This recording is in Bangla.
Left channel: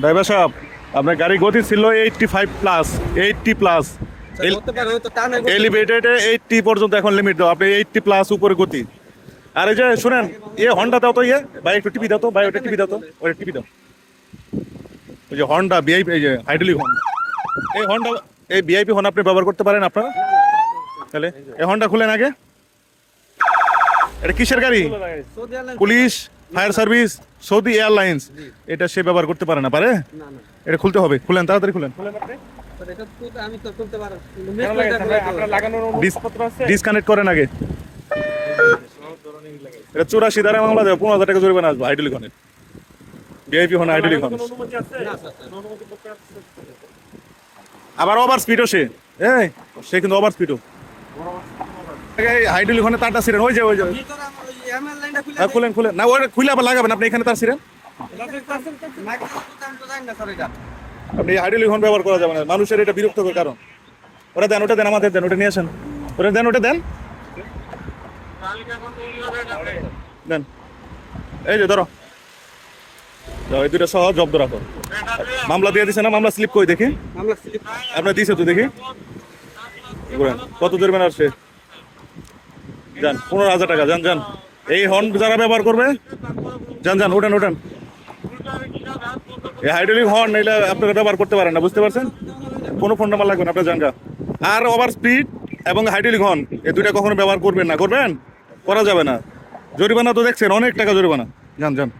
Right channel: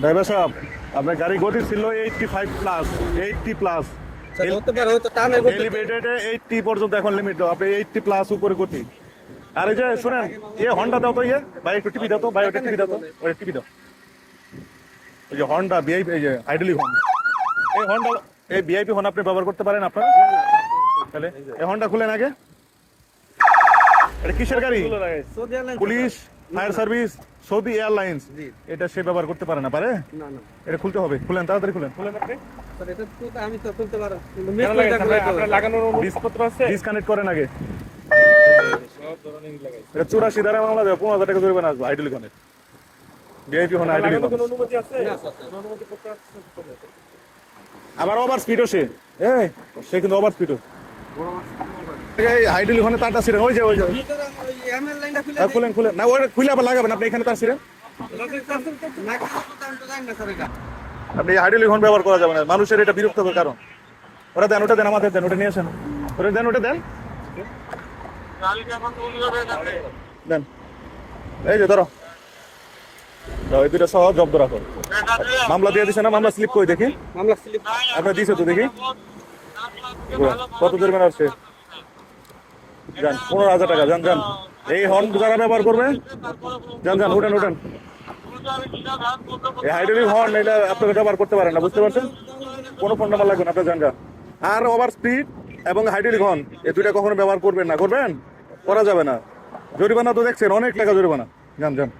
ড্রাইভার সাহেব, আপনার গাড়ি গতি ছিল 85 প্লাস, 80 প্লাস, এলিভেটেড 80 পর্যন্ত এখন লিমিট দাও, আপনি 80 প্লাস উপরে গতি। আর এই যে শুনেন, হন্ডা দাও তো, ভাই একটু টিভি দাও তো, ভাই ওটা টিভি দাও তো, ওটা টিভি দাও। ওই যে হন্ডা ভিআইপি, এই যে আইডলি হন্ডা, এই হন্ডা, এই ভিআইপি হন্ডা আপনি ব্যবহার করতে পারেন আপনারা। তাহলে এই হন্ডা খুলেন আগে। এটা কিসের গাড়ি? Police, fire service, Saudi airlines. এটা সে ব্যবহার করতে পারে না, পারে? এটা খুলতে হবে, খুলেন তাড়াতাড়ি খুলেন। ডিসকানেক্ট করেন আগে। এটা 84 ধারা মামলা দেবে, 15,000 টাকা জরিমানা আসবে। আইডলি খনের ভিআইপি হন, আইডলি খন। আবার ওভার স্পিডও সে কিন্তু ওভার স্পিডও। আইডলি খনে তারটা ছিলেন, ওই যে খুলেন খুলেন না, ওটা খুলে আবার লাগাবেন আপনি এখানে তার ছিলেন। আপনি আইডলি ফোন ব্যবহার করা যাবে না, মানুষের এটা বিরক্তকর কারণ। ওটা দেন, ওটা দেন, আমাদের দেন, ওটা নিয়ে আসেন, ওটা দেন, ওটা দেন, দেন। এই যে ধরো, এই দুটো সহ জব্দ রাখো। মামলা দিয়ে দিছে না? মামলা স্লিপ কই দেখি, আপনার দিছে তো দেখি। কত জরিমানা আসছে? যান, 15,000 টাকা। যান যান, এই হর্ন যারা ব্যবহার করবে, যান যান, উঠান উঠান। এই হাইড্রোলিক হর্ন এগুলো আপনাকে ব্যবহার করতে পারেন না, বুঝতে পারছেন? কোনো ফোন নাম্বার লাগবে না, আপনার যান। আর ওভার স্পিড এবং হাইড্রোলিক হর্ন এই দুইটা কখনো ব্যবহার করবেন না, করবেন? করা যাবে না। জরিমানা তো দেখছেন, অনেক টাকা জরিমানা। যান যান।